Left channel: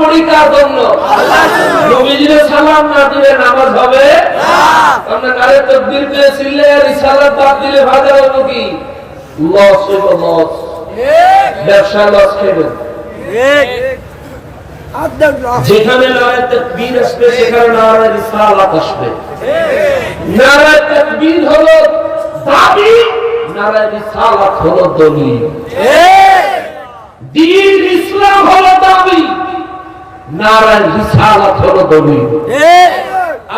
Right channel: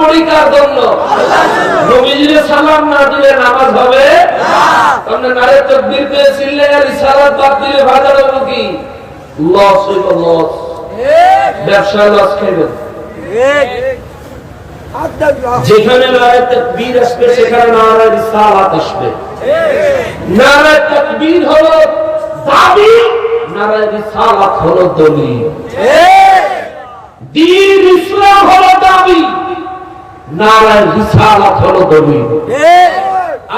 পড়ি কার জন্য? নবীজির সালাম না দিলে নামাজ হবে না। আপনি নারে তাকবীর দিয়ে চিল্লে রিসালাত বাদ দিলে ভালো হবে কি? লস হইব, লস। ব্যবসা লস খাবেন। যেখানে নারে তাকবীর আসবে সেখানে নারে রিসালাত আসবে। নারে তাকবীর হলো দাবি, নারে রিসালাত হলো দলিল। দ্বীন ইসলাম হলো দাবি, নারে রিসালাত হলো দলিল।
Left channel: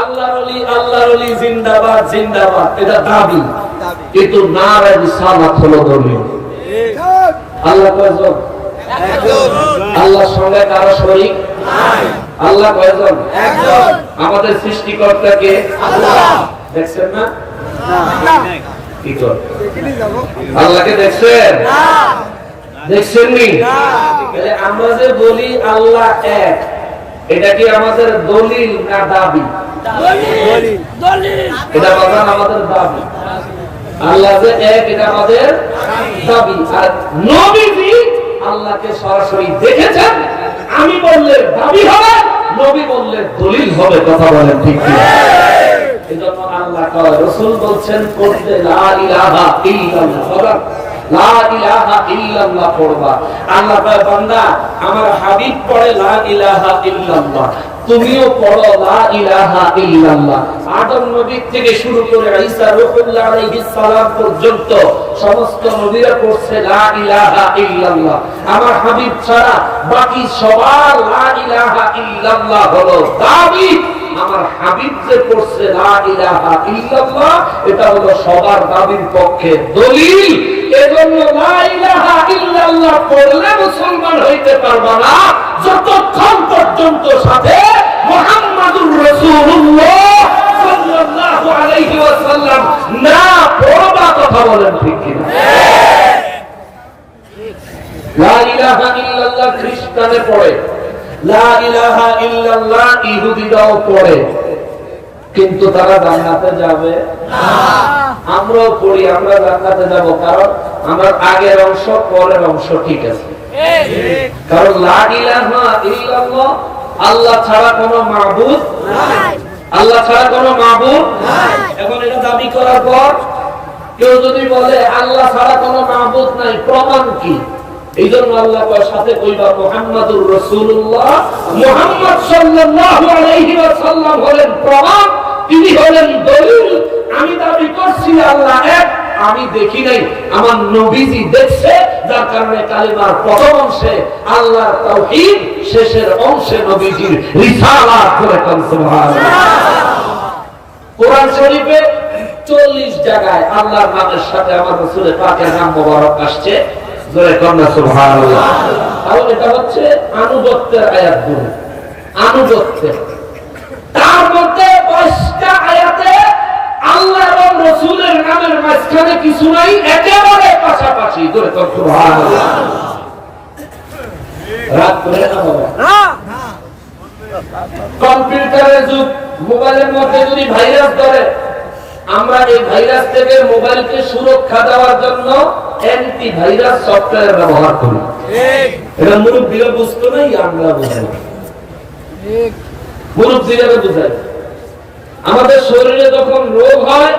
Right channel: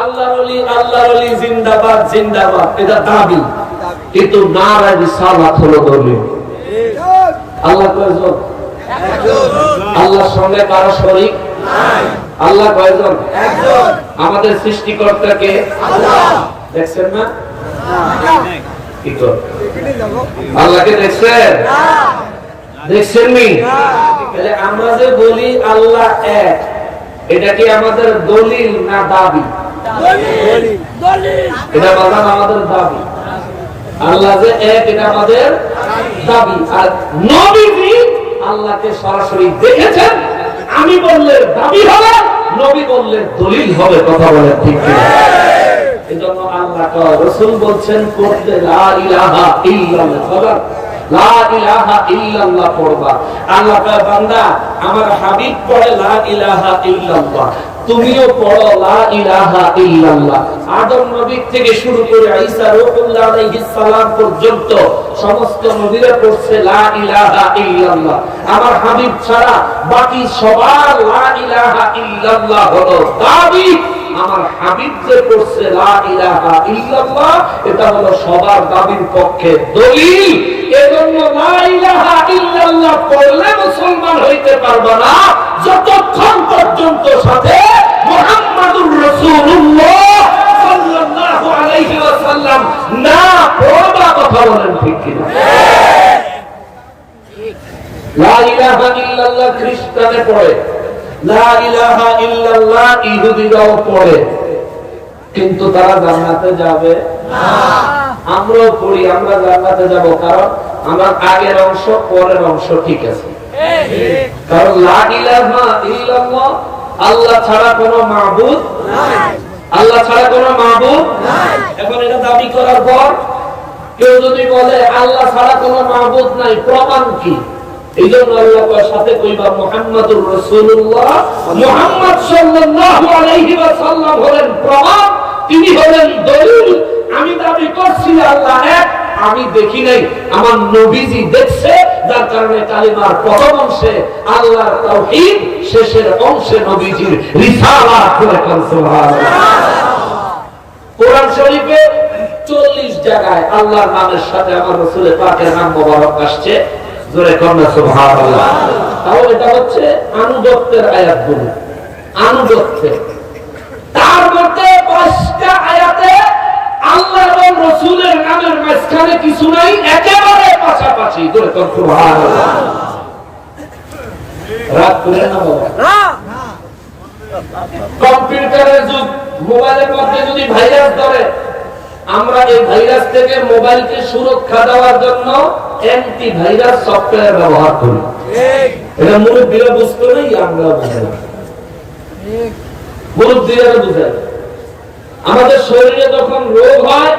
আল্লাহর ওলি জিন্দাবাদ জিন্দাবাদ এটা দাবি, কিন্তু নারে রিসালাত হলো দলিল। আল্লাহ কয়জন? আল্লাহর সঙ্গে কারো শরীক নাই। আল্লাহ কয়জন? একজন। আমাদের সৃষ্টিকর্তা কে? আল্লাহ। দেখছেন না? কি কর? আল্লাহকে দেখছেন? দেখছেন নি? আমরা যে বলি আল্লাহ এক, এটা কি আমাদের দলিল না দাবি? এটা আমাদের দাবি। আল্লাহ যে এক এটা আমাদের দাবি। আর নবীজি আল্লাহকে সরাসরি দেখেছেন। আমি বললে দাবি হবে, নবী বললে দলিল হবে। কথা বলেন ঠিক কিনা? এজন্য আল্লাহ কয়, রাসূল বলছেন পড়তে লা ইলাহা ইল্লাল্লাহ, লা ইলাহা ইল্লাল্লাহ পড়বা। আল্লাহ কয় বান্দা আমার হাবিব পড়ে লা ইলাহা ইল্লাল্লাহ, তুমিও পড়ো লা ইলাহা ইল্লাল্লাহ। আদম নবী থেকে শুরু করে ঈসা রূহুল্লাহ আলাইহিস সালাম পর্যন্ত সমস্ত নবীরা পড়ছে লা ইলাহা ইল্লাল্লাহ। আমার হাবিব ছাড়া বাকি সবার লা ইলাহা ইল্লাল্লাহ হলো দাবি। আমার হাবিব যে পড়ছে লা ইলাহা ইল্লাল্লাহ, এটা হলো সবার দাবির পক্ষে দলিল। এজন্য লা ইলাহা ইল্লাল্লাহ পড়লে মুসলমান হইতে পারবে না যতক্ষণ পর্যন্ত সাথে মুহাম্মাদুর রাসূলুল্লাহ সাল্লাল্লাহু আলাইহি ওয়াসাল্লাম না পড়বা। কথা বলেন ঠিক কিনা? লা ইলাহা ইল্লাল্লাহ খ্রিস্টানে পড়ে, লা ইলাহা ইল্লাল্লাহ ইহুদিরাও পড়ে, কিন্তু তারা জান্নাতে যাবে না। আমরাও পড়ি, আমরা জান্নাতে যাব, কারণ আমার আগের অংশ পরের অংশ ঠিক আছে। কারণ লা ইলাহা ইল্লাল্লাহ আল্লাহ ছাড়া কোনো মাবুদ নাই, আল্লাহ ছাড়া কোনো মাবুদ নাই। এখন এটা দাবি করার পর কেউ যদি বলে আল্লাহ ছাড়া কোনো মাবুদ নাই, প্রমাণ কি? এই জন্য আল্লাহ কয় সাথে কইবা মুহাম্মাদুর রাসূলুল্লাহ, মুহাম্মদ সাল্লাল্লাহু আলাইহি ওয়াসাল্লাম হলেন প্রমাণ, তিনি হলেন দলিল। আমি দাবি করছি আল্লাহ এক, আমি দেখি নাই, আমার নবীজি দেখছে, যার কারণে কালিমার প্রথম অংশে আল্লাহর তাওহীদ, শেষের অংশে নবীজির রিসালাত করে কোন সুবহানাল্লাহ। কোরআন শরীফে 40 জায়গায় আল্লাহর নামের সাথে আমার রাসূলের পাকের নাম মোবারক আসছে। জোরে কোন সুবহানাল্লাহ। তাহলে এটা হচ্ছে আনুগত্যের আয়াতগুলো, আনুগত্যের। তার মধ্যে 5টা আয়াতে আল্লাহ এবং রাসূলের নামের মাঝখানে কিছু নাই, একেবারে পাশাপাশি। জোরে কোন সুবহানাল্লাহ। রাত করে না বাবা, কম্পিউটারের যুগ, মোবাইলের মধ্যে যদি ভাইরাস ধরে, আমরা এই ভাইরাস থেকে মোবাইলকে সুরক্ষা দেওয়ার জন্য অ্যান্টি ভাইরাস সফটওয়্যার ব্যবহার করি। এটা মুরব্বীরা বুঝতো না, আমরা বুঝাই, মুরব্বীরা বুঝাই। আমাদের শরীরে যখন রোগ হয়,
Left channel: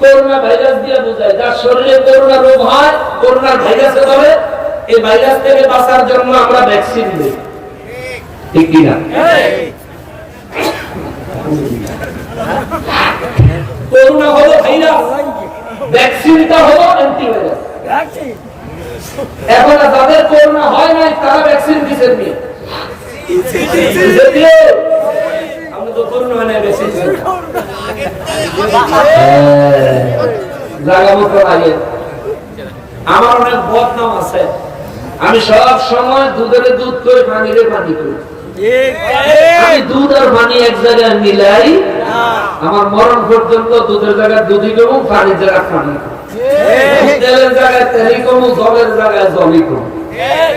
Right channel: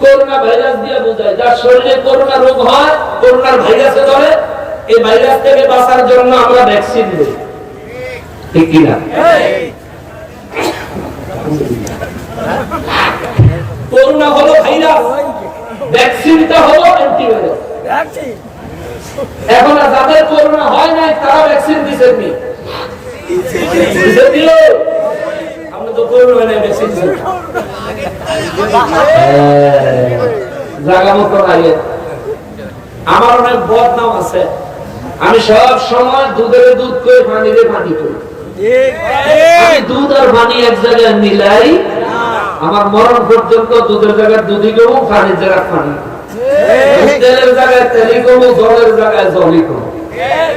করোনা ভাইরাস দিয়ে বোঝায়। যার শরীরে করোনা রোগ হয়, করোনার ভাইরাসে ধরে, এই ভাইরাস থেকে বাঁচার জন্য আমরা ভ্যাকসিন দিই, ঠিক কিনা? করোনা হলো ভাইরাস, ভ্যাকসিনটা হলো অ্যান্টিভাইরাস। এখন যাদের করোনা হয় নাই তারা ভ্যাকসিন দিচ্ছেন নি? আমরা তো করোনা হয় নাই, ভ্যাকসিন দিচ্ছেন। জায়গা মতো লাগে। আমার অনেক বদনাম আছে, আমি সব সময় দুধের দুধ করে পানিরে পানি করি। আমি দুধ আর পানি এক জায়গায় মিলাই, আমার মরণ পর্যন্ত দুধের জায়গায় দুধই করবো, পানির জায়গায় পানি, তেলের জায়গায় তেলই করবো, জলের জায়গায় জলই করবো।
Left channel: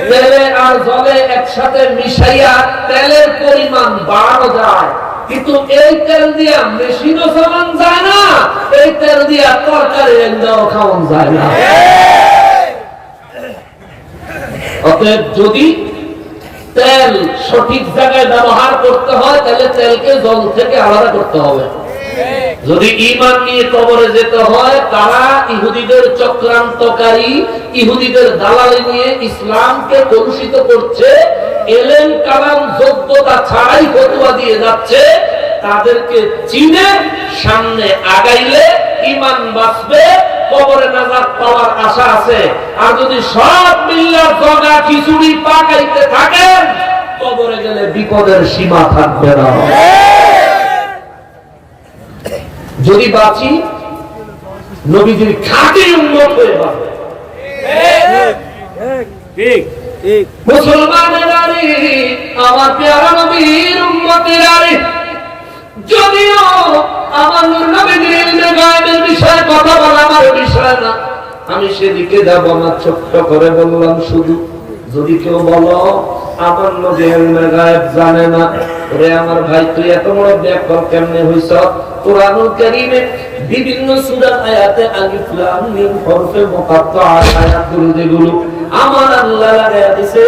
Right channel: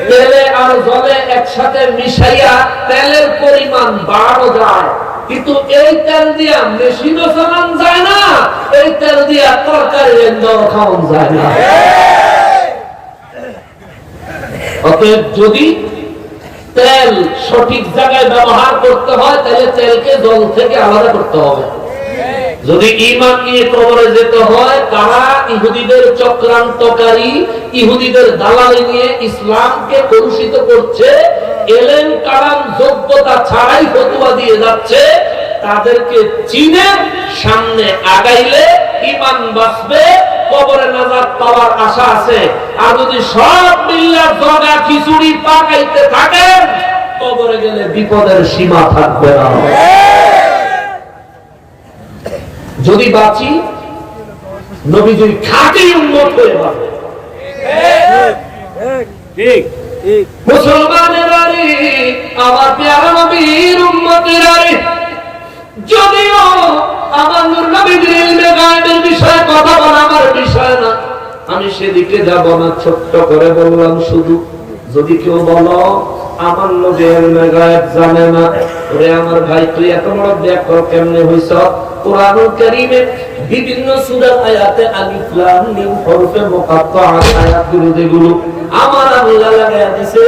তেলে আর জলে একসাথে মিশাইয়া তেলের পরিমাণ বাড়ানো যায়, কিন্তু এই তেল দিয়া মেশিনও চালানো যায় না, এই তেল দিয়া তরকারি রান্নাও খাওয়ানো যায় না। অতএব যদি তেল সঠিক জায়গায় ব্যবহার করতে হয়, তাহলে তেলকে জল থেকে আলাদা করতে হবে। যদি ঈমান নিয়ে কবরে যেতে হয়, তারা ইহুদিদের চক্রান্তকারী, ইহুদিদের দালালি নিয়ে ইসলামকে কলুষিত করছে, এলেম কালাম যোগ্যতা ছাড়াই ফতোয়া দিয়ে যাচ্ছে, তাদেরকে চিনে সামনে আগাইলে ঈমান বাঁচবে, কবরে নাজাত পাওয়ার আশা আছে। আর যদি সব মিল্লা জগা খিচুড়ি পাকাইতে থাকেন, কবরে গেলে বিপদের সীমা থাকবে না। যদি বাঁচি নবীজির খাঁটি উম্মত হয়ে বাঁচবে। ঠিক ঠিক মুসলমানেরা রে, আমার প্যারা নবীর উম্মতেরা রে, যদিও আমার নবীজির গায়েবের বিষয়ে কথা বলা আমার বিষয় না, আমি সেদিকে যাব না। ছোট্ট করে বললাম, শুধু যদি কেউ বলো আমার নবীর গায়েব জানে না, ওরে আমার ভাই তুই এত বড় ব্যাকরণ কেমনে হইছ? কুরআনুল কারীমে বিভিন্ন সূরা আয়াতে আলিফ লাম মিম হরফে মুকাত্তাআত আয়াতগুলো যেগুলো আমার আল্লাহ লাগায়া দিয়েছে,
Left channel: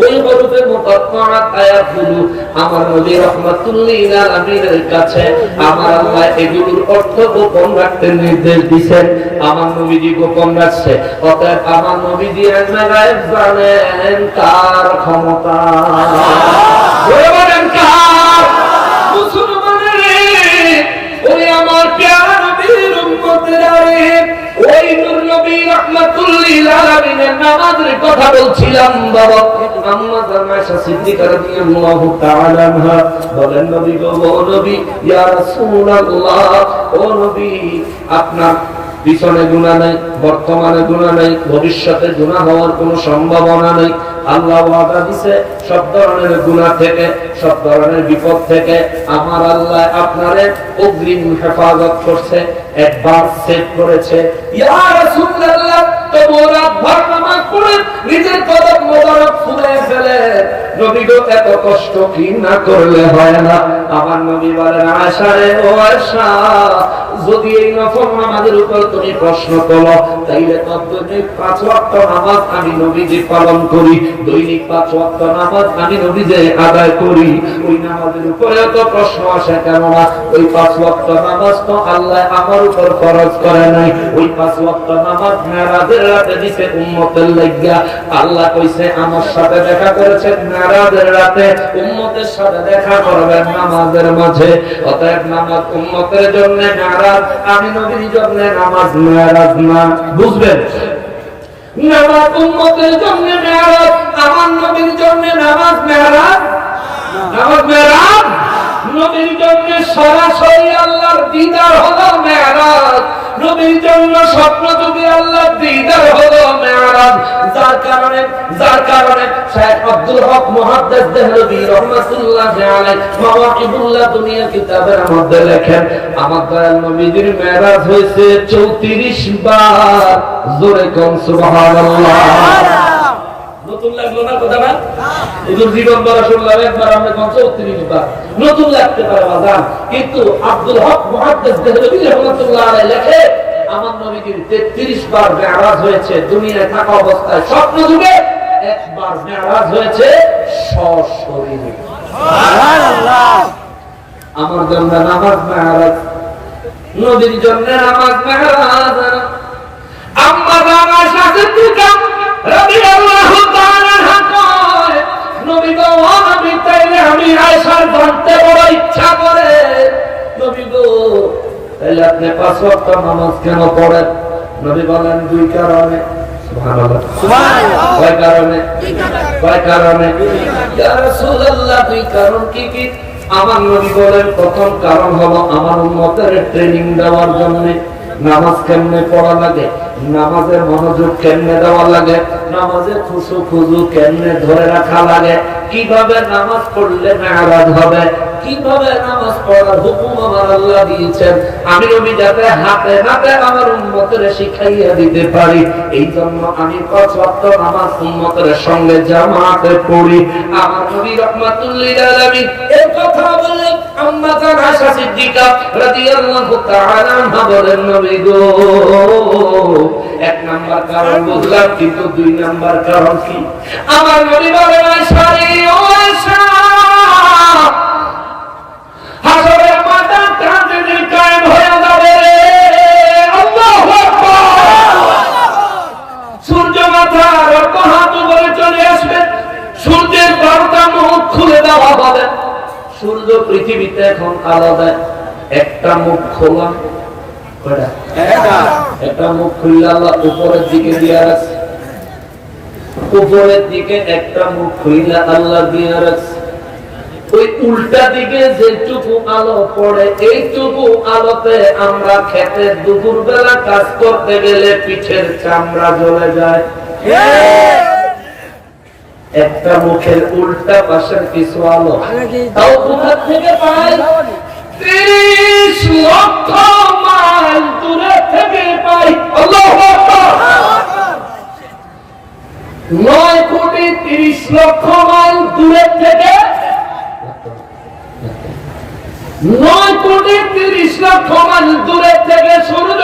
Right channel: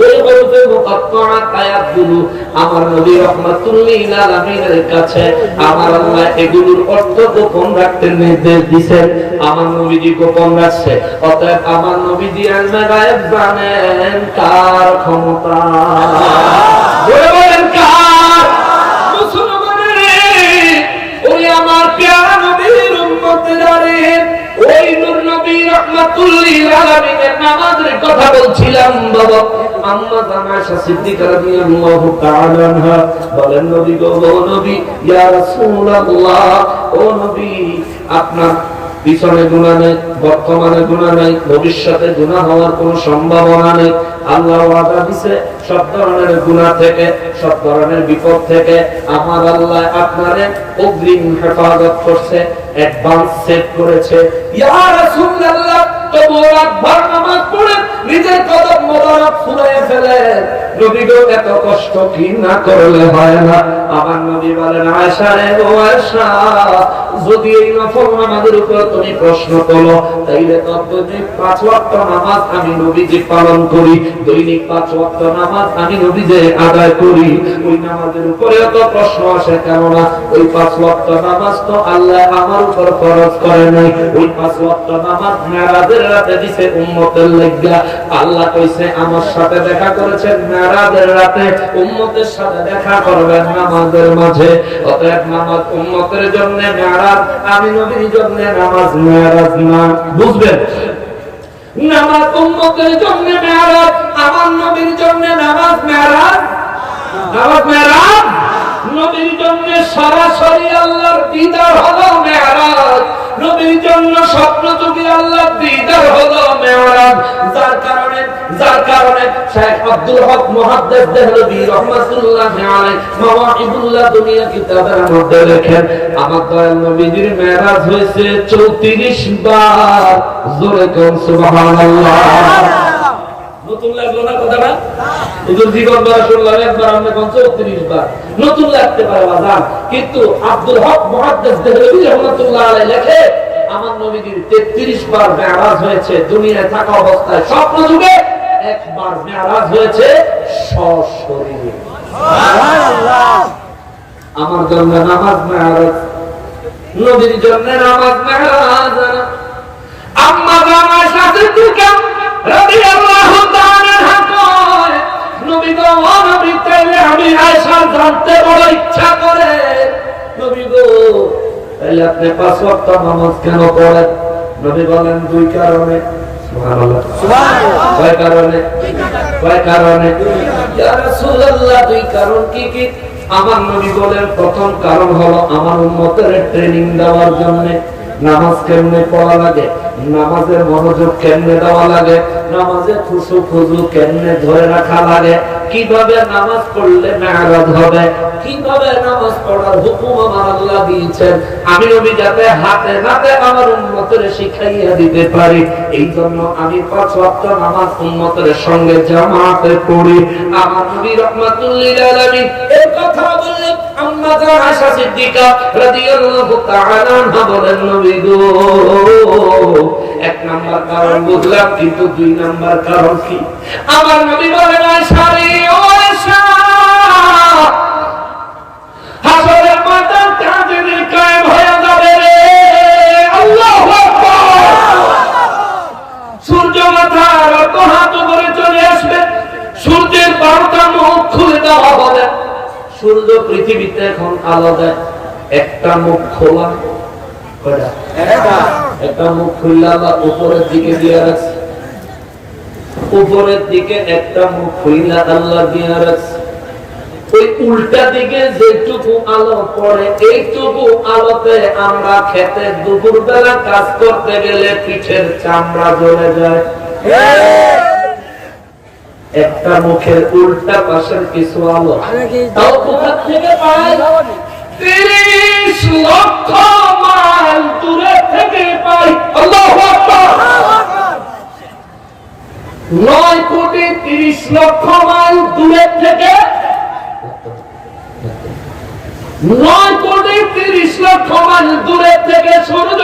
ওই হরফে মুকাত্তাআত আয়াতগুলো আমার নবী রাহমাতুল লিল আলামিনের কাছে আমার আল্লাহ এগুলোর অর্থ গোপন রাখতে নির্দেশ দিয়েছেন। আমার নবীজি গোপন রাখছে, অতএব আমার নবীজি ইলমে গায়েব জানেন। তার ক্ষমতা বলেন কার? মুসলমানের ওই আমার প্যারা নবীর উম্মতেরা রে, ওই নূর নবী রাহমাতুল লিল আলামিনের নামাজের কথা বলছিলাম। বাবা আম্মা আয়েশা সিদ্দিকা রাদিয়াল্লাহু তাআলা আনহা বলেন, নবী গো, ও নবী, ইয়া রাসূলুল্লাহ, ও নবী, আপনার পিছনে গুনাহ নেই, বর্তমানে গুনাহ নেই, ভবিষ্যতে গুনাহ হওয়ার কোনো সম্ভাবনা নেই। আল্লাহ ওয়াদা দিয়েছে সব ধরনের গুনাহ থেকে, সব ধরনের বিপদ থেকে আমার আল্লাহ আপনারে অগ্রিম হেফাজত করছে, অ্যাডভান্স সেট করেছে। ইয়া রাসূলুল্লাহ, তোমরা ভারনামাজ পড়ে নিজের কদম মোবারক ফুলায়ে ফেলে নবী গো এত কষ্ট কি না করলে হয় না। আমার নবী বলেন, আয়েশা রে, ও আয়েশা, যদি এই নফল নামাজের উপর তুমি প্রশ্ন করো, তাইলে তো দৈনিক 5 ওয়াক্ত নামাজ আমি নবীজি পালন করি, দৈনিক 5 ওয়াক্ত নামাজ আমি নবীজি আদায় করি। ওই নামাজের উপরে তো প্রশ্ন আসে কেন না? ওই 5 ওয়াক্ত নামাজ তো আল্লাহ আমার উপর ফরজ করে নাই। ওই 5 ওয়াক্ত নামাজ মেরাজের রাতে দিয়েছে উম্মতের লাগা। আল্লাহ কইছে আমার সাথে দেখা করেছেন মেরাজের রাতে, উম্মতের সাথে দেখা করবেন নামাজের মাঝে। অতএব নামাজ উম্মতের জন্য মেরাজ, আমি নবীর জন্য নামাজ মেরাজ না। বুঝবেন? নামাজ উম্মতের জন্য মেরাজ, আমার নবীর জন্য নামাজ মেরাজ। নামাজ মেরাজ, নবীর জন্য সরাসরি আল্লাহর দিদার হলো মেরাজ, নবীর জন্য স্বপ্নযোগী আল্লাহর দিদার হলো মেরাজ। যার কারণে শেখ আব্দুল হক মুহাদ্দিস দেহলভী রাহমাতুল্লাহি আলাইহি মাওয়াহিবুল্লাহ দুনিয়া কিতাবের মধ্যে লেখেন, আমার দয়াল নবীর মেরাজ হয়েছে 34 বার। জোরে কোন সুবহানাল্লাহ। নতুন লাগলো না কথাটা? হুজুর জীবন বড় শুনলাম একবার, আমরা 34 বার। নতুন লাগতে পারে বাজান, কিন্তু আব্দুল হক মুহাদ্দিস দেহলভী রাহমাতুল্লাহি আলাইহি লেখে আমার নবীর 33 বার মেরাজ হয়েছে দুনিয়ায় থাকা অবস্থায়। স্বপ্ন যুগে একবার মেরাজ হয়েছে সশরীরে। সুবহানাল্লাহ। আমার জন্য নামাজ মেরাজ, নবীর জন্য নামাজ মেরাজ। আম্মা জানা সাদিকা রাদিয়াল্লাহু তাআলা আনহা কয়, নবী গো, নবী তাইলে আমি আয়েশা জানতে বড় ইচ্ছা করে, নবী গো তাইলে আপনি 5 ওয়াক্ত নামাজ কেন পড়েন? নবী বলেন, 2 কারণে। সুবহানাল্লাহ, সুবহানাল্লাহ। কয় কারণে? কয় কারণে? ইয়া রাসূলুল্লাহ, 2 কারণ কি কি? আমার নবী বলেন, প্রথম কারণ হলো আমার উম্মতের ট্রেনিং দেওয়ার জন্য। নামাজ কেমনে পড়া লাগে, নামাজের মনোযোগ কেমনে দেওয়া লাগে, নামাজে খুশু খুজু কেমনে ধরে রাখা লাগে, কিভাবে নামাজ পড়লে মেরাজ হবে, কিভাবে নামাজ পড়ার হুকুম আমার আল্লাহ দিয়েছেন, আমি নবী যাতে হাতে হাতে আমার উম্মতের শিখাইয়া দিতে পারি, এই জন্য আমি 5 ওয়াক্ত নামাজ উম্মতের সঙ্গে জামাতে পড়ি। আমার নবী রাহমাতুল লিল আলামিন এই কথা বললেন। আম্মা জান আয়েশা সিদ্দিকা রাদিয়াল্লাহু তাআলা আনহা বলেন, নবী গো, 1 নাম্বার কারণ বুঝলাম, কিন্তু 2 নাম্বার কারণ কি? আমার নবী বলেন, আয়েশা রে, ও আয়েশা, হাসরের ময়দান কাঁদে কায়েম হয়ে যাবে রে। আল্লাহু আকবার। সূর্য মাথার অর্ধ হাত উপরে চলে আসবে, সূর্যের 12টা মুখ খুলে দেওয়া হবে। সূর্য পৃথিবীতে এখন আলো দেয়, একটা মুখ খোলা, একটা মুখ খুললে আল্লাহ উপরের দিকে দিয়ে রাখছে, উপরের দিকে একটা মুখ খুললে আল্লাহ দিয়ে রাখছে। ওই উল্টা দিকে যেটুকু আলো পড়ে, এইটুকু আলোতে আমরা খেতে দুপুর বেলা কাজ করতে গেলে পিঠের চামড়া জ্বলে যায়। একটা মুখের উল্টা পাশের কিছু আলো তাও কোথা থেকে পায়? 30 লক্ষ মাইল দূরে থেকে পাই। আল্লাহু আকবার। 9 কোটি 30 লক্ষ মাইল দূরে থেকে, 9 কোটি 30 লক্ষ মাইল দূরে থেকে সূর্য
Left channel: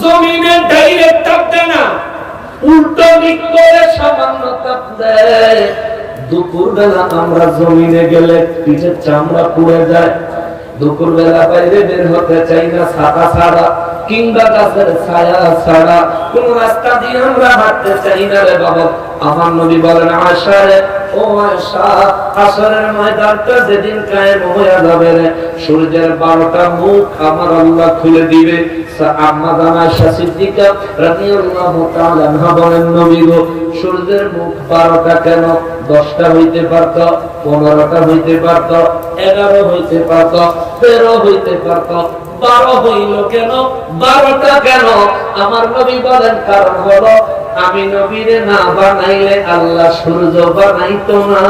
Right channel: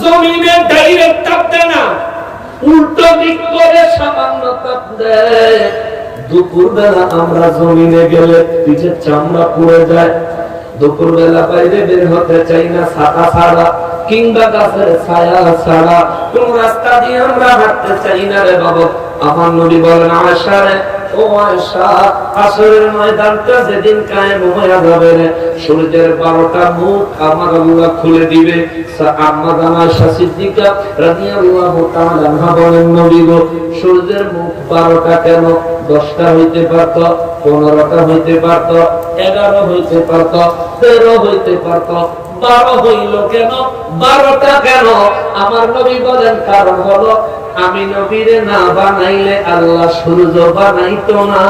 জমিনে ডাইরেক্ট তাপ দেয় না, উল্টো দিক করে সামান্য তাপ দেয়। দুপুর বেলা আমরা জমিনে গেলে পিঠের চামড়া পুড়ে যায়। দুপুর বেলা বাইরে বের হতে চাই না ছাতা ছাড়া, কিংবা গাছের ছায়া ছাড়া কোন রাস্তা দিয়ে আমরা হাঁটতে চাই না রে বাবা। আমার নবী বলেন, আয়েশা রে, ও আয়েশা, হাসরের ময়দানটা যেদিন কায়েম হয়ে যাবে রে, সূর্যের 12টা মুখ আমার আল্লাহ খুলে দিবে। আম্মা জান আয়েশা সিদ্দিকা রাদিয়াল্লাহু তাআলা আনহা বলেন, নবী গো, সূর্যের মুখ 12টা কেন? 10টা হইতে পারত, 15টা হইতে পারত, 11 হইতে পারত, 13 হইতে পারত, 12 হইল কেন? 12টা কেন? আমার নবী বলেন, কারণ হলো আমি নবীরে না বানাইলে আল্লাহ সূর্য বানাইতো না।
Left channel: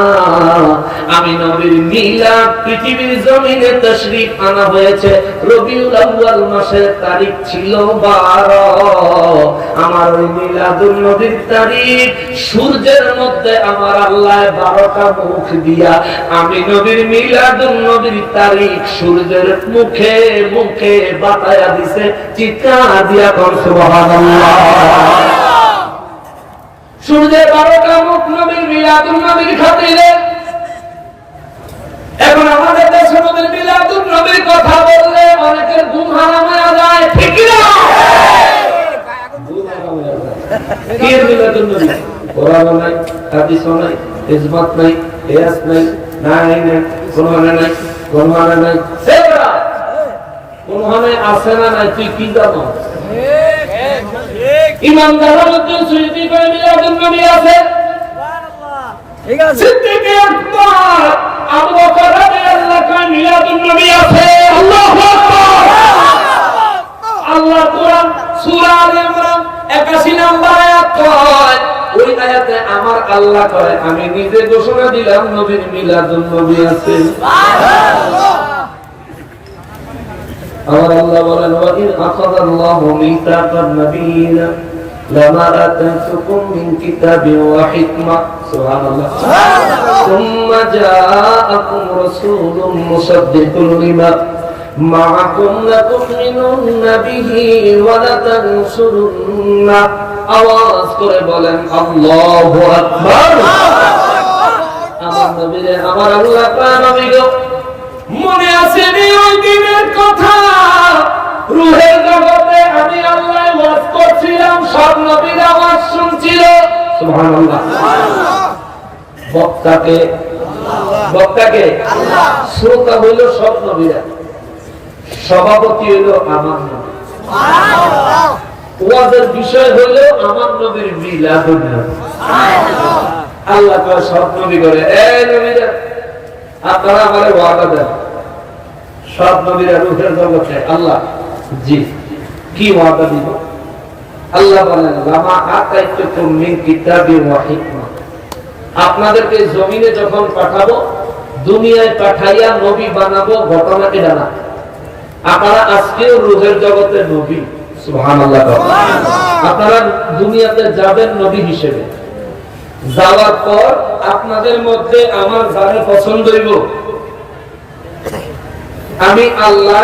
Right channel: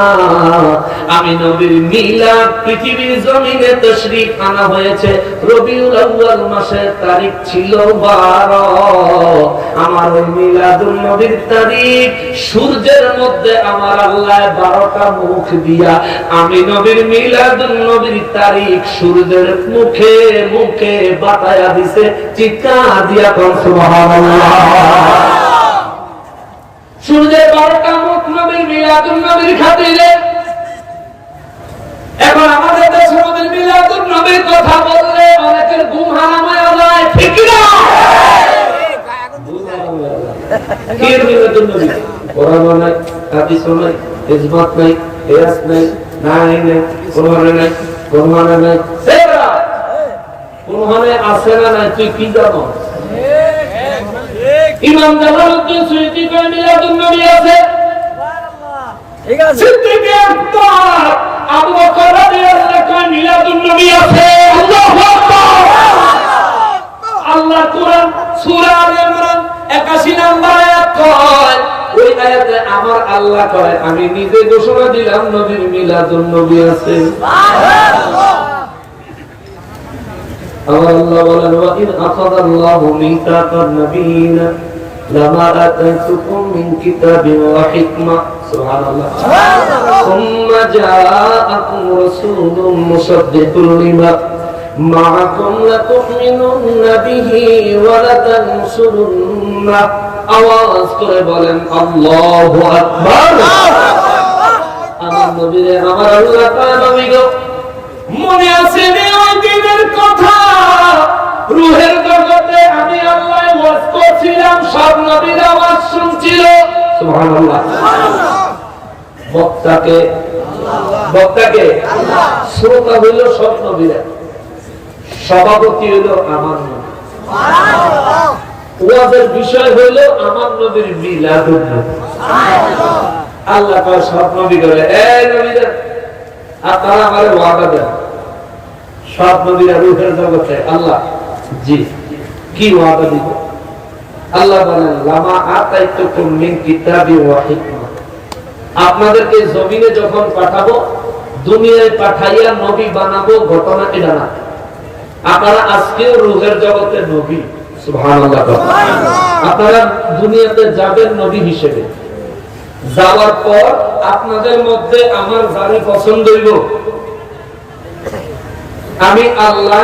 আমি নবীর মিলাদ পৃথিবীর জমিনে তাশরীফ আনা হয়েছে, রবিউল আউয়াল মাসের তারিখ ছিল 12। আমার ওই মিলাদুন নবীর তারিখ, সূর্যের মধ্যে আমার আল্লাহ 12টা মুখ দিয়া আমি নবীর মিলাদুন নবীর তারিখ সূর্যের মুখে মুখে বাতায়া দিছে। চিৎকার দিয়া কোন সুবহানাল্লাহ। সূর্যের 12টা মুখ নবীর মিলাদুন নবীর খাতিরে। এখন আমাদের দেশে নবীর মিলাদুন নবীর কথা বললে অনেকের ঘুম হারাম হয়ে যায়, ঠিক না? কি মিলাদুন নবী? কোরআন নাই, হাদিস নাই, ইজমাত নাই, কিয়াস নাই, নাই নাই, কোরআনে নাই, কোরআনে নাই, সেরা কোরআনে আছে না নাই তুই কি জানো? ইমাম জালালউদ্দিন সুয়ুতী কয় মিলাদুন নবী আছে। ঠিক আছে। সিদ্দিক আকবর আবু বকর রাদিয়াল্লাহু কয় মিলাদুন নবী আছে। আল্লাহু আকবার। আল্লাহ কোরআন সূরা আলে ইমরান 81 নম্বর আয়াত কয়, ওই আয়াতে আমার আল্লাহ কয়, আমি নিজে ঘোষণা দিলাম নবীর মিলাদুন নবী আছে। সুবহানাল্লাহ। আল্লাহ বলেন, ওয়া ইন আখাযাল্লাহু মিসাকান নাবিয়িনা লামা আতাতুকুম মিন কিতাবিন ওয়া হিকমা, সুবহানাল্লাহ, সুম্মা জাআকুম রাসূলুম মুসাদ্দিকুন লিমা মাআকুম লাতুমিনুন্না বিহি ওয়া লাতানসুরুন্না। আওয়াজ করে বলেন আল্লাহু আকবার। আমার নবীরে আমার আল্লাহ পাক আমি গো মনে আছে নি ওই দিনের কথা? রূহের জগতে আমি আল্লাহ ওয়াজ করছিলাম, সব নবীরা আওয়াজ শুনছিল। সুবহানাল্লাহ। বক্তাকে বক্তাকে আল্লাহ, শ্রোতা হইল সব নবীরা, সভাপতি হইল আমার নবী, সুবহানাল্লাহ। ওয়াজের বিষয় হইল আমার নবীর মিলাদুন নবী। সুবহানাল্লাহ। আল্লাহ কয় সব নবী বলে, এই নবীরা আপনারা আমারে ওয়াদা দেন, সব নবীরা রূহের জগতে। আল্লাহ জি, কি ওয়াদা দিব? আল্লাহ বলেন, লামা আতাইতুকুম মিন কিতাবি ওয়া হিকমা, আপনাদেরকে জমিনে যখন পাঠাবো দুনিয়ায় পাঠাইয়া নবী বানাবো, ঘটনা এটা না। আপনারা আজকেও রূহের জগতে নবী, সুবহানাল্লাহ। আপনারা দুনিয়াতে যাবেন নবী হিসেবে, যাওয়ার পর আপনাদের মধ্যে আমার যারে পছন্দ হইব আমি আল্লাহ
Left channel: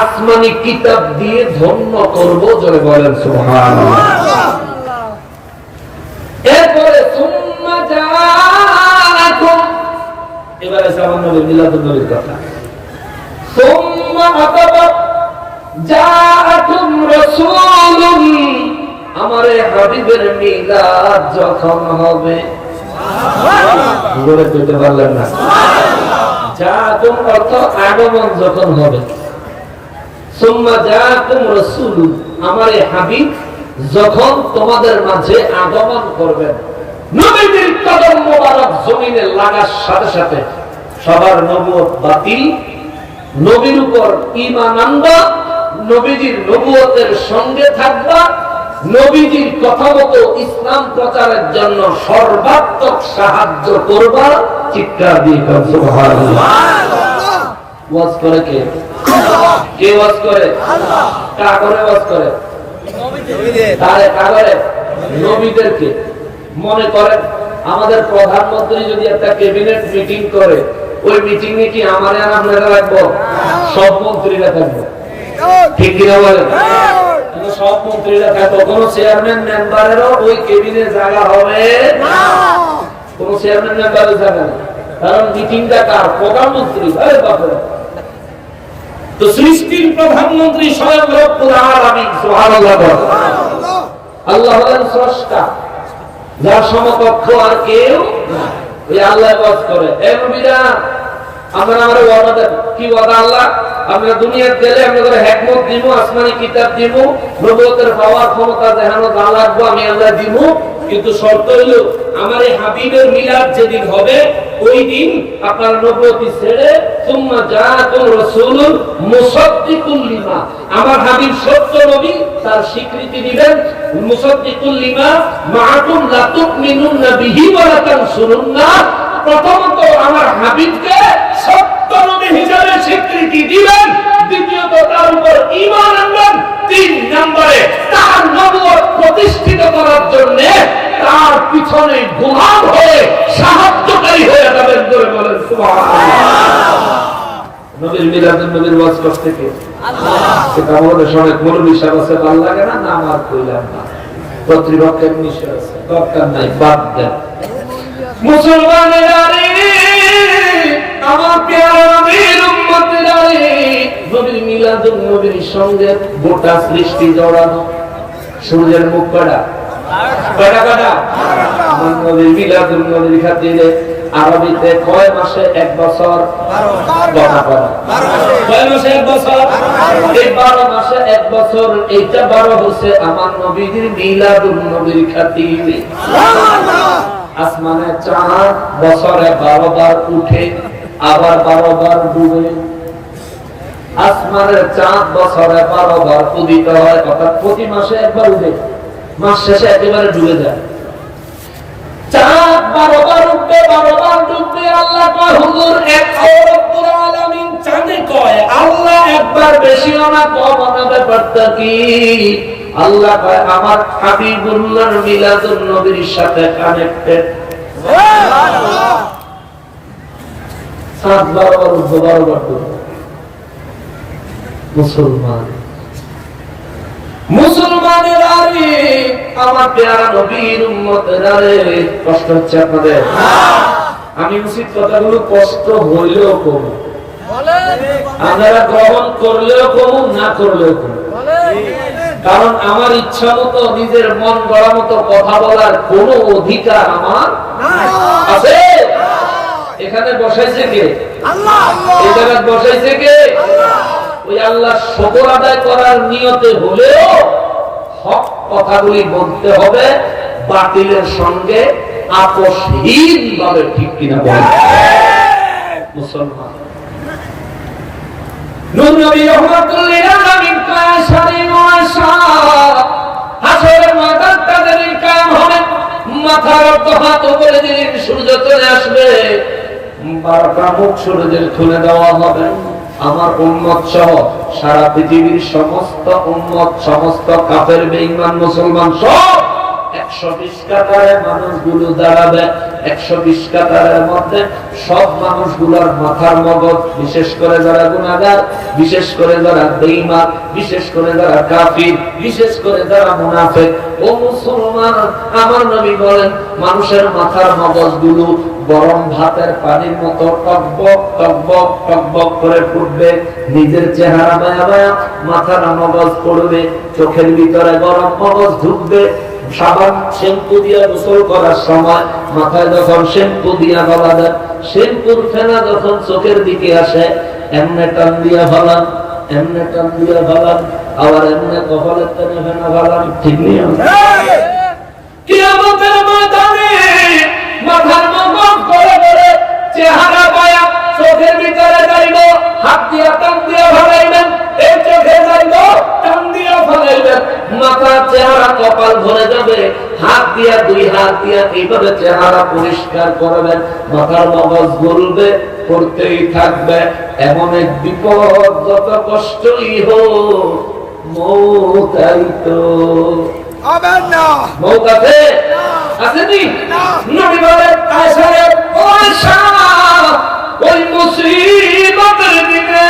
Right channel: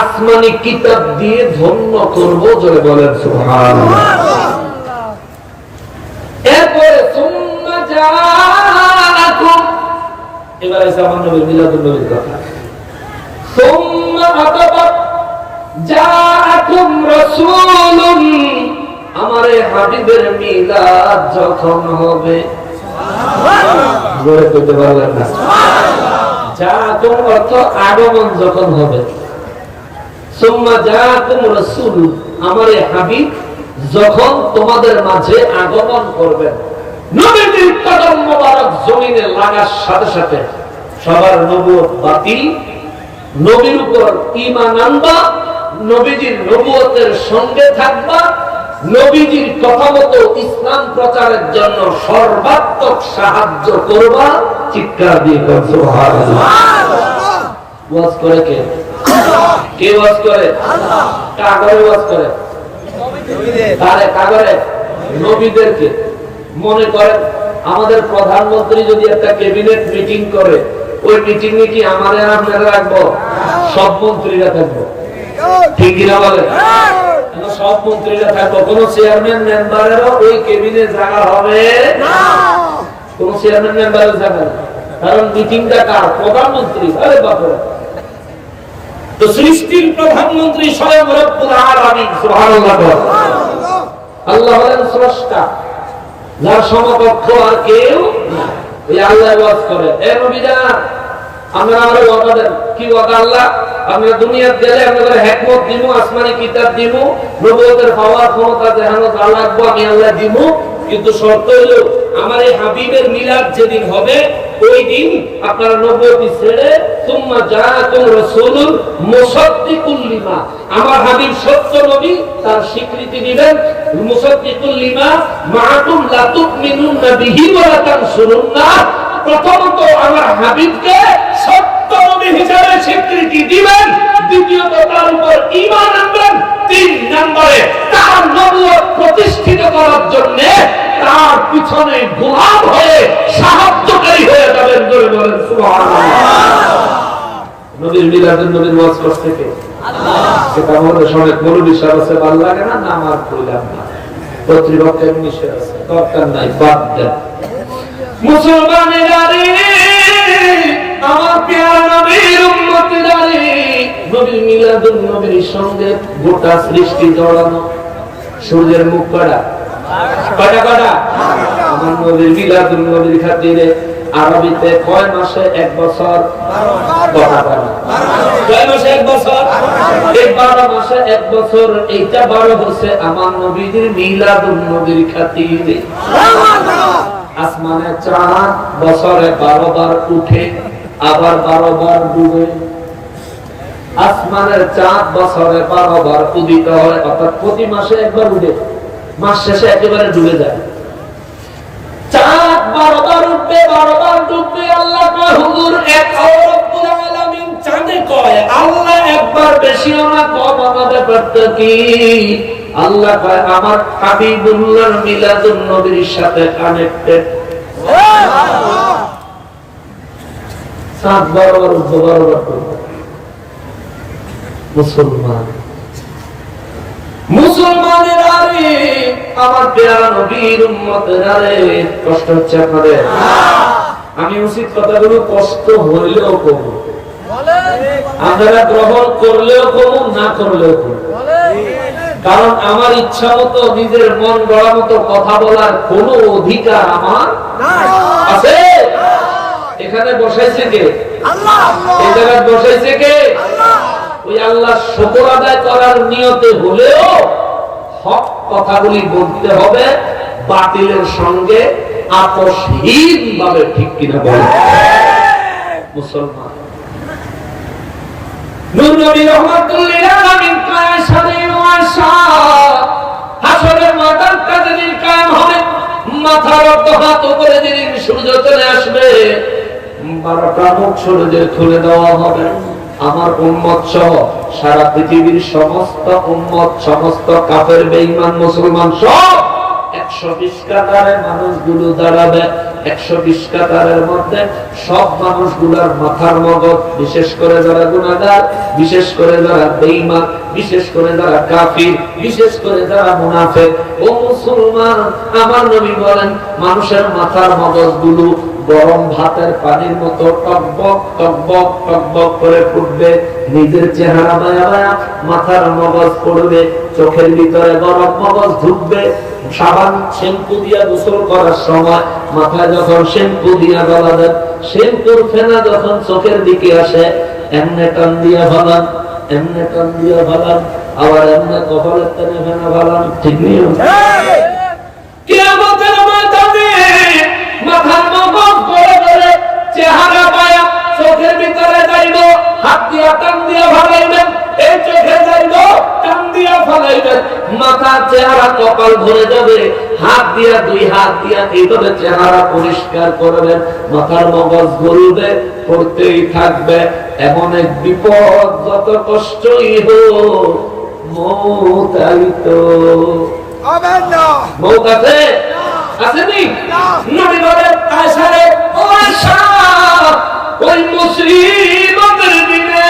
আসমানি কিতাব দিয়ে ধন্য করব, জোরে বলেন সুবহানাল্লাহ। এরপরে সুম্মা জাআকুম, এবারে আমার নবীর মিলাদুন নবীর কথা। সুম্মা জাআকুম রাসূলুন, আমার হাবিবের মিলাদ যখন হবে, জোরে কইতে পারলেন না? জাআকুম অর্থ আগমন যখন হবে। সুম্মা জাআকুম রাসূল, আমার হাবিব যখন তোমাদের মাঝে আগমন করবেন, নবীর কদম মোবারক জমিনে লাগার সাথে সাথে সবার নবুয়ত বাতিল, নবীর উপর ঈমান আনবা, নবীজির নবুয়তের সঙ্গে থাকবা, নবীজির কথা মতো ইসলাম প্রচারের জন্য সর্বাত্মক সাহায্য করবা। চিৎকার দিয়ে সুবহানাল্লাহ। ওয়াজ করে কে? কে ওয়াজ করে? আল্লাহ। কাগরে ওয়াজ করে? কাগরে নবীদেরকে। মনে করেন আমাদের প্রধানমন্ত্রী যদি একটা ক্যাবিনেট মিটিং করে, ওই মিটিং এ কি আমার আর আপনারা রাখবো? সব মন্ত্রীরা থাকবো, ঠিক কিনা বলেন? সব মন্ত্রীরা থাকবো, কোন চেয়ারম্যান মেম্বারেরও ওই ক্যাবিনেট জায়গা হবে না, কোন চেয়ারম্যান মেম্বারের জায়গা না, কারণ মিটিংটা কার? প্রধানমন্ত্রী। আরে বাপরে, তো সৃষ্টির প্রধানমন্ত্রী স্বয়ং রব্বুল আলামিন, সুবহানাল্লাহ। আল্লাহ হলেন স্রষ্টা, যার সমকক্ষ আর কেউ না। এই আল্লাহ ওয়াজ করে, এ নবীরা আমরা আমাদের ওয়াদা দেন। কি ওয়াদা? আল্লাহ আমরা দুনিয়াতে গেলে আমরা হিকমত দিব, আসমানি কিতাব দিব, নবুয়তের পাওয়ার ক্ষমতা দেখানো যা লাগবে আমি আল্লাহ দিব, কিন্তু শর্ত হলো আমার এই হাবিবের মিলাদ যেদিন হবে ওই দিন আপনার নবুয়তি ছেড়ে সুম্মা জাআকুম রাসূলুন মুসাদ্দিকুল লিমা, আমার হাবিব সত্য নবী তার স্বীকৃতি দিবেন, মুসাদ্দিকুল লিমা মাআকুম লা তুমিনুনা বিহি ওয়া লা তানসুরুনা, প্রথমত আমার হাবিবকে সত্য নবী হিসেবে স্বীকৃতি দিবেন, দ্বিতীয়ত তার উপর ঈমান আনবেন, তিন নম্বরে তার নবুয়ত প্রতিষ্ঠিত করার জন্য তার পিছনে গোলাম হয়ে সাহায্যকারী হয়ে যাবেন। জোরে বলেন সুবহানাল্লাহ। নবীর মিলাদুন নবীর ওয়াজ করতে কে? আল্লাহ। সেটা আমাদের সঙ্গে মৌলবী সাহেব আছে, ভালো লাগে না, নাম আর কইলাম না, কর্তৃপক্ষের নিষেধ আছে, দরকার নাই, বাদ দেন। মুসলমানেরা রে, আমার প্রিয় নবীর উম্মতেরা রে, নবীর মিলাদুন নবীর সঙ্গে গোটা সৃষ্টি জড়ানো। সূর্যের মুখ কয়টা? কয়টা? আমার নবীর মিলাদুন নবীর খাতিরে আরবিতে কয় মাসে এক বছর? 12। কয় মাসে এক বছর? 12 মাসে এক বছর। এইটা 12 হচ্ছে আমার নবীর মিলাদুন নবীর খাতিরে। আসমানে চাঁদ বছরে 12 বার উঠে আবার 12 বার ডুবে। আসমানের চাঁদ বছরে 12 বার উদিত হয়, অর্থাৎ প্রতি মাসে একবার উঠে, মাস শেষে একেবারে ডুবে যায়। চাঁদ 12 বার উঠবে, 12 বার ডুববে। আল্লাহ কয় হুজুর এক রব্বুল আলামিন চাঁদে কয় আল্লাহ একবার বেশিও না কমও না, ব্যাপারটা কি? আল্লাহ কয় আমার হাবিবুল্লাহর মিলাদুন নবীর সাথে কানেক্টেড। সুবহানাল্লাহ। চাঁদ 12 বার উঠবে, 12 বার ডুববে। মুসলমানেরা রে, আমার প্যারা নবীর উম্মতেরা রে, কষ্ট হচ্ছে আপনাদের? আমি উচিত কথাগুলো কষ্ট হইলেও কম, আপনারা গ্রহণ করলেও কম, না করলেও কম, কারণ আমার ইচ্ছা মতো নিজের মন গড়া মতো কথা বলার কোন অধিকার আমার আছে? এখানে বসাইছে কে? আল্লাহ। এই জায়গায় বসাইছে কে? আল্লাহ। ওই আল্লাহ শুকর আদায় করার নিয়তে হলেও হক কথাগুলি বলতে হবে, বাতিলের সঙ্গে আপোষহীন ভাবে, ঠিক কিনা বলেন? মুসলমান নূর নবী রাহমাতুল লিল আলামিন কায় সারি ওয়াসা হাসরের ময়দান তাদের কাম হবে, মাথার উপর হাত উপরে দিলে সূর্য চলে আসবে, 12টা মুখ শরীরের খুলে দেওয়া হবে। আমার উম্মত সহ সারা পৃথিবীর সমস্ত উম্মত, সমস্ত কাফের বেঈমান মুসলমান সব 120 কাতারে মানুষগুলো দাঁড়াবে। 120 কাতারের মধ্যে সব মানুষগুলোর মাথার মগজ, বিশেষ করে যারা গুনাহগার, বিশেষ করে যারা বেঈমান, বিশেষ করে যারা কাফির, বিশেষ করে যারা মুনাফিক ও মুসলমান, আমার নবী বলেন মানুষের মাথার মগজগুলো গরম ভাতের পানির মতো টকবক টকবক টকবক করে ফুটবে। নিজের চেহারা মায়া মায়া মাথার মগজ পড়বে, চোখের ভিতরে গরম মগজ ঢুকবে। সাবান শ্যাম্পু দিয়া গোসল করার সময় মাথায় যখন শ্যাম্পু দিয়া গলা দেন, শ্যাম্পুর ফেনা যখন চোখের দিকে আসে, এমনে টান দিয়া ভালান, এমনে টান দিয়া ভালান, আবার এমনে কপালের টানে ফেনা ভালান। ঠিক নেই? কিয়ামতের ময়দানে মাথার মগজ করে করে চেহারা পায়া চোখের ভিতরে যাইব, হাত দিয়া টান দিয়া ভালাইবেন, এই চোখে যাইব টান দিয়া ভালাইবেন, মাথা চেহারা কপাল ভরে যাবে, হাত দিয়া দুই হাত দিয়া এইভাবে চেহারা পরিষ্কার করবেন, মাথার মগজ গলবে, পড়তেই থাকবে। এমন এক বিপদ, যত কষ্টই হোক মৌত আইতো। মৌত আছে? আসেনি? নবী বলেন আয়েশা রে, ও আয়েশা, ওই মুসিবতের দিনে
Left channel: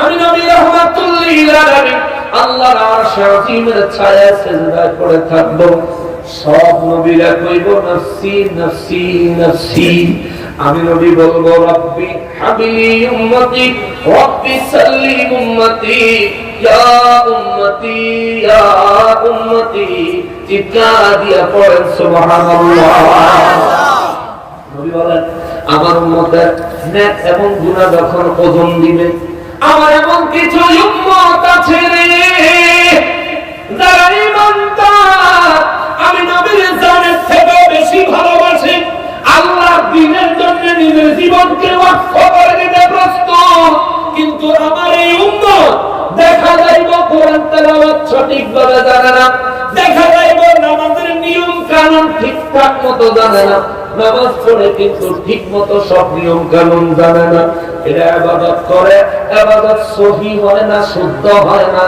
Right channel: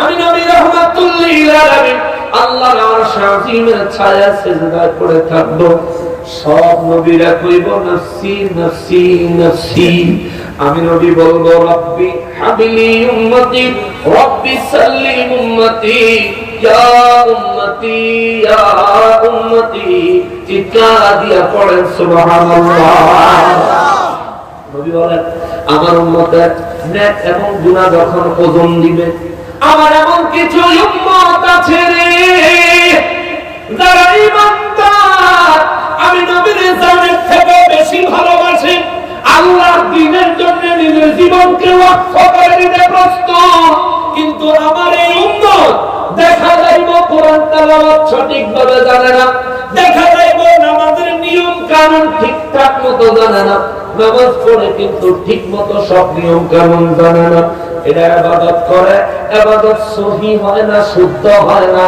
আমি নবী রাহমাতুল লিল আলামিন আল্লাহর আরশ আজিমের ছায়ায় সিজদায় পড়ে থাকব। সব নবীরা কইব নফসি নফসি নফসি। আমি নবী বলবো রব্বি হাবিলি উম্মতি, রব্বি সাল্লিম উম্মতি, ইয়া উম্মতি ইয়া উম্মতি। চিৎকার দিয়ে পড়েন সুবহানাল্লাহ। নবী বলেন আমার উম্মতের নেক এবং গুনাহ যখন ওজন দিবে, আমার এমন কিছু উম্মত আছে রে যারা ঈমানদার, আমি নবীর জানের থেকে বেশি ভালোবাসি, আল্লাহর দ্বীনের জন্য নিজের জীবনকে ওয়াকফ করে দিতে প্রস্তুত। কিন্তু আমার এই উম্মত দেখা যাইব কোরআন তেলাওয়াত সঠিকভাবে জানে না, দেখা যাইব নামাজের নিয়ম কানুন ঠিকঠাক মতো জানে না, নামাজ পড়ে কিন্তু ঠিক মতো সব নিয়ম কানুন জানে না। এরা ইবাদত করে, ইবাদত সহিহ হয় না, শুদ্ধ হয় না।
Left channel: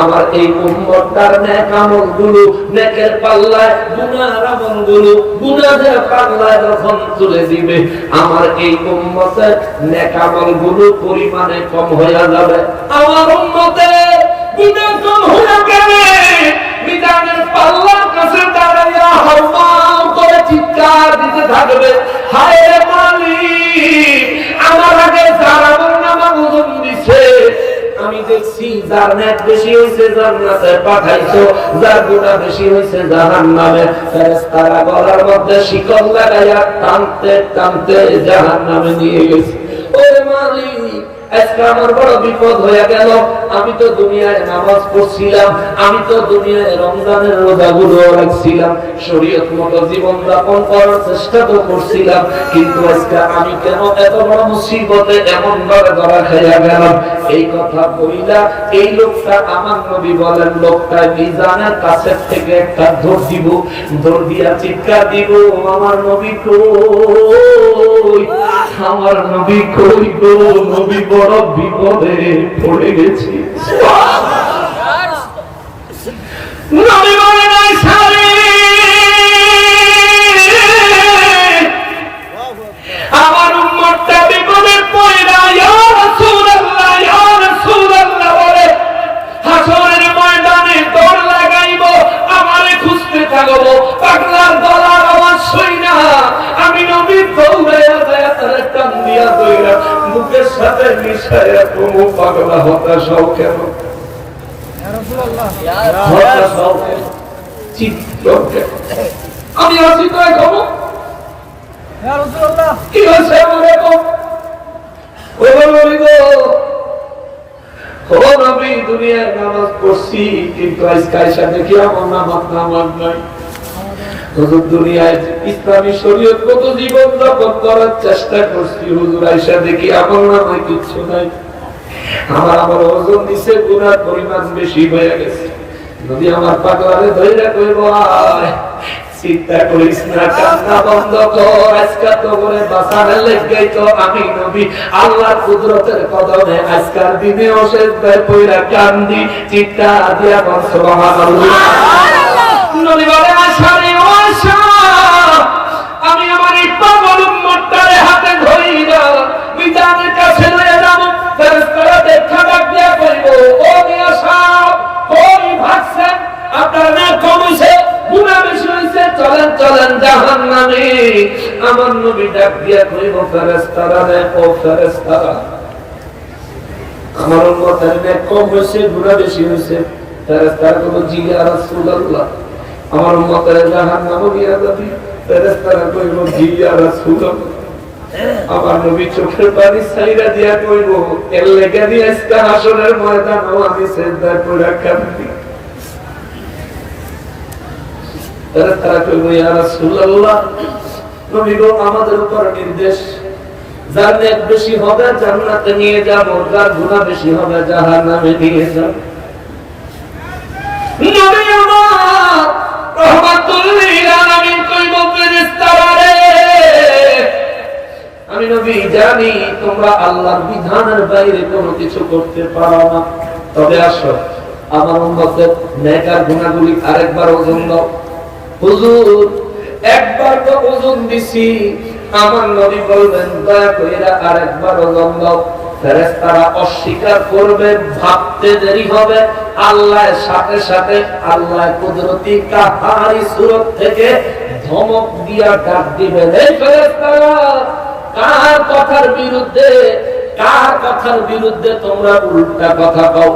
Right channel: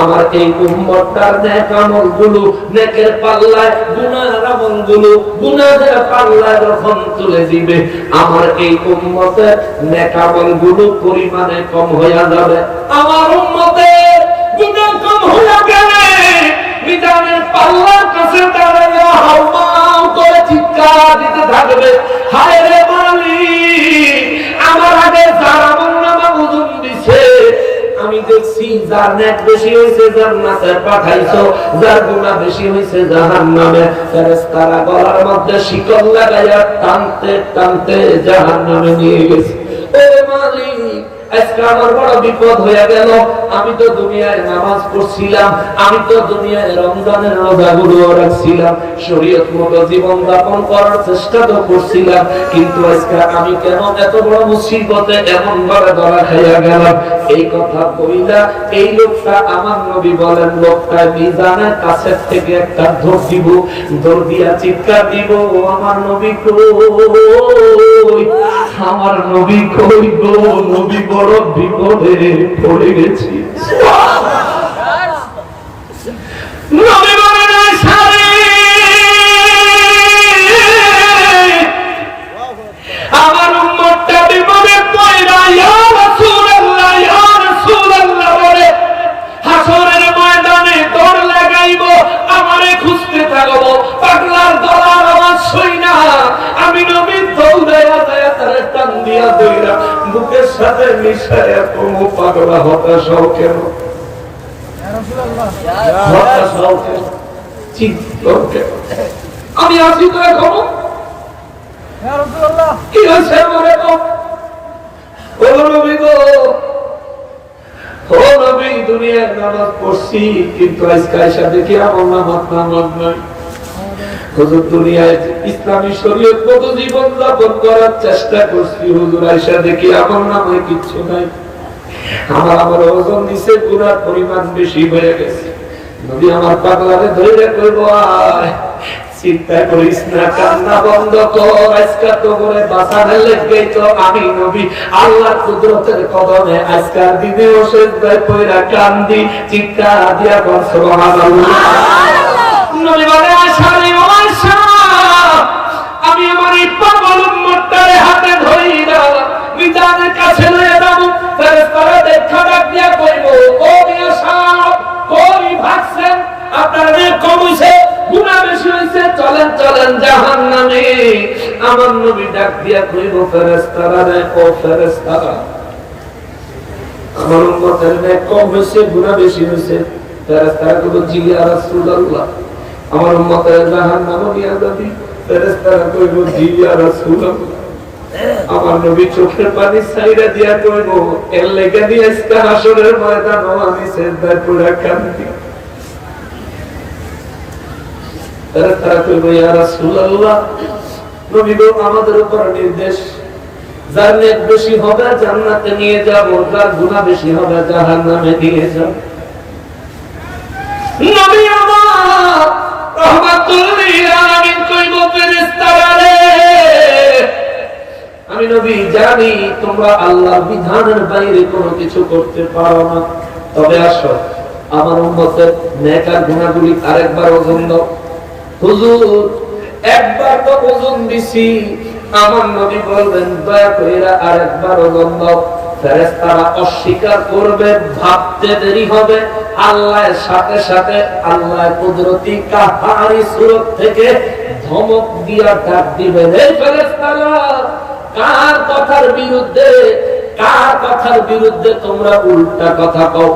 আমার এই উম্মতটার নেক আমলগুলো নেকের পাল্লায়, গুনাহের আমলগুলো গুনাহের পাল্লায় যখন তুলে দিবে, আমার এই উম্মতের নেক আমলগুলো পরিমাণে কম হয়ে যাবে। আমার উম্মতের গুনাহ কম হয়ে গেলে মিজানের পাল্লার কাছে দাঁড়াইয়া হাউমাউ করে চিৎকার দিতে থাকবে, হায় রে মালিক, আমার আগে যারা আমলনামা ওজন দিছে আমি দেখছি যার নেক বেশি হয়েছে জান্নাতে পাঠাইছো, যার গুনাহ বেশি হয়েছে জাহান্নামে। ফেরেশতারা গলার মধ্যে শিকল লাগাইয়া টানতে টানতে জাহান্নামে নিয়ে গেছে। ও মালিক, আজকে আমার বড় বিপদ হয়ে গেল। আমি তো দুনিয়ায় নামাজ পড়ছিলাম, আমি তো দুনিয়ায় রমজানের রোজাগুলো রাখছিলাম, শরীয়ত মতো জীবন যাপন করার চেষ্টা তো করছিলাম, কিন্তু আজকে আমি কেন এত বড় মুসিবতে এমন ভাবে ধরা খাইয়া গেলাম? এই কথা কইলা এই লোকটা, আমার নবী বলেন, লোকটা মিজানের কাছের থেকে একটা দৌড় দিব, দৌড় দিয়া চিৎকার দিব, আমার নবী কই, আমার নবী কই গো, নবী বড় বিপদে পড়ে গেছি। নবী বলেন আয়েশা রে, আমার উম্মতটা বিপদে পড়া, ইয়া রাসূলুল্লাহ ইয়া রাসূলুল্লাহ বলে হাসরের ময়দানে দৌড় লাগাইব, আমারে খুঁজতে থাকবো, পাগলার গলার আওয়াজ শুই না আমি নবী দৌড়াইয়া যায় তার টান দিয়া দইরা বুকের সাথে মিশাইয়া, তুমি পাগলা হতাশ হও কেন? হতাশ হও কেন? চিত্ত কেন? আমি আছি তো এখন কি হয়েছে আমার এখন? ও নবী গো, ও নবী, দুনিয়ার নামাজ পড়ছি কিন্তু আজকে আয়েশা দেখি আমার নামাজ নাই। হুজুর দুনিয়ায় ইসলামী শরীয়ত মতো জীবন যাপন করার চেষ্টা করছি, হুজুর আয়েশা দেখি আমার নামে কিচ্ছু নাই। আমার ওজন দিছে, গুনার পরিমাণ বেশি হয়ে গেছে। নবী আমার পাগলারে ধরে কইব, আয় চিন্তা করিস না, কান্না বন্ধ কর। আজকে তো করে বাঁচানোর লেগে তো আমি নবী আল্লাহর কুদরতের কদমে আজকের দিনেও সেজদায় পড়া কান্দি, চিৎকার দিয়া কর সুবহানাল্লাহ। নবী বলে আশারে ও আশা, আমি আমার এই পাগল উম্মতটারে হাতে ধরি না, মিজানের কাছে লয়ে যাব। ফেরেশতারা দেখা ডাক দিয়া কইব, ও আশা কই ভাগছেন? আপনার নেক কম হইছে, গুনাহ বেশি হইছে, চলেন চলেন জাহান্নামে। আমার নবী ডাক দিয়া কইব ফেরেশতারা, ও ফেরেশতারা, আমার উম্মতের নেক কম হইছে, গুনাহ বেশি হইছে। ফেরেশতারা কইব, জি ইয়া রাসূলুল্লাহ, আমার উম্মতের জাহান্নামে নিয়ে যাবি। ফেরেশতারা কইব, জি ইয়া রাসূলুল্লাহ। আমার নবী চোখের পানি ছাইরা দিয়া কইব, এর লেগে দিয়ে আজকে হাসরের ময়দানে আমি সিজদায় পড়ে কাঁদি। ফেরেশতারা কইব, ইয়া রাসূলুল্লাহ, নবী গো আমাদের উপর নির্দেশ, যার নেক বেশি হবে জান্নাতে নিয়ে যাব, যার গুনাহ বেশি হবে জাহান্নামে নিয়ে যাব। নবী আমার রহমাতুল লিল আলামিন কইব, ফেরেশতারা রে, আমি নবী জানি তোমরা আল্লাহর বিধানের বাইরে কোনো কিছু করতে পারো না, তবে আসো আমার উম্মতের নেক আর গুনাহগুলি আরেকবার ওজন দাও। হুজুর একবার তো ওজন দিছি। আমার নবী বললেন, দয়া কইরা আরেকবার ওজন দাও। ফেরেশতারা অস্বীকার করবে, ভাবতে দেরি হবে। আল্লাহর সাথে সাথে আল্লাহ কুদরতি কাহারি সূরত থেকে ধমক দিয়া ডাক দিবেন, এই ফেরেশতারা, কার কথার বিরুদ্ধে তোমরা উল্টা কথা কও?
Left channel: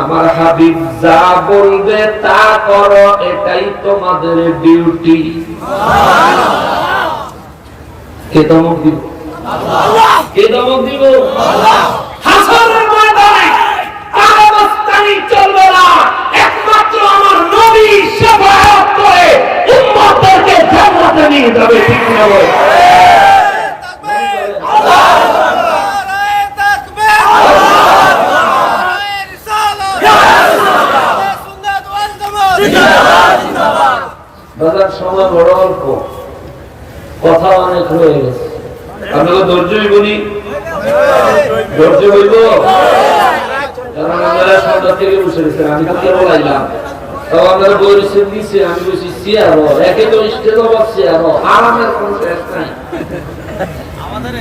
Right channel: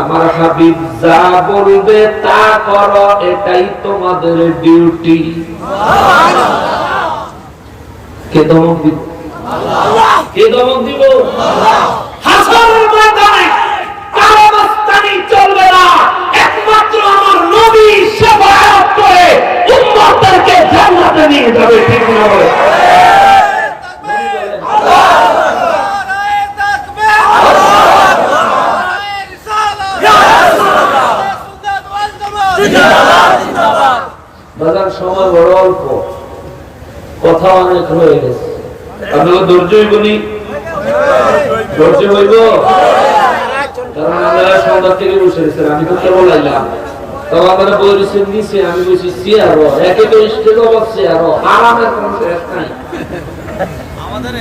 আমার হাবিব যা বলবে তা করো, এটাই তোমাদের ডিউটি। কে ধমক দিব? কে ধমক দিব? হাসরের ময়দানে কারো মাস্তানি চলবে না, একমাত্র আমার নবী শাফাআত করে উম্মতকে জান্নাতে নিয়ে যাবে। ঠিক না বলে? বাজার সময় বড় অল্প, কথা অনেক হয়ে গেছে। আপনারা ধৈর্য হইবনি? ধৈর্য হইব? কারণ আমরা সন্ধ্যা থেকে বসে গেছেন, আমি তো কেবল আইলাম। তবে আমরা বই রিসিভ দিয়েছি, আমি বলছি চেয়ারও একে তো স্টেজ অবাক চেয়ারও আরামের কোনো শেষ নাই।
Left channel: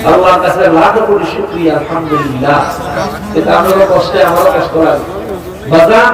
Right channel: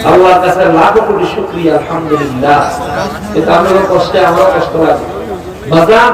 আল্লাহর কাছে লাখ কোটি শুকরিয়া, আলহামদুলিল্লাহ। কিন্তু আমরা কষ্টে, আমারও কষ্ট লাগে। বাজার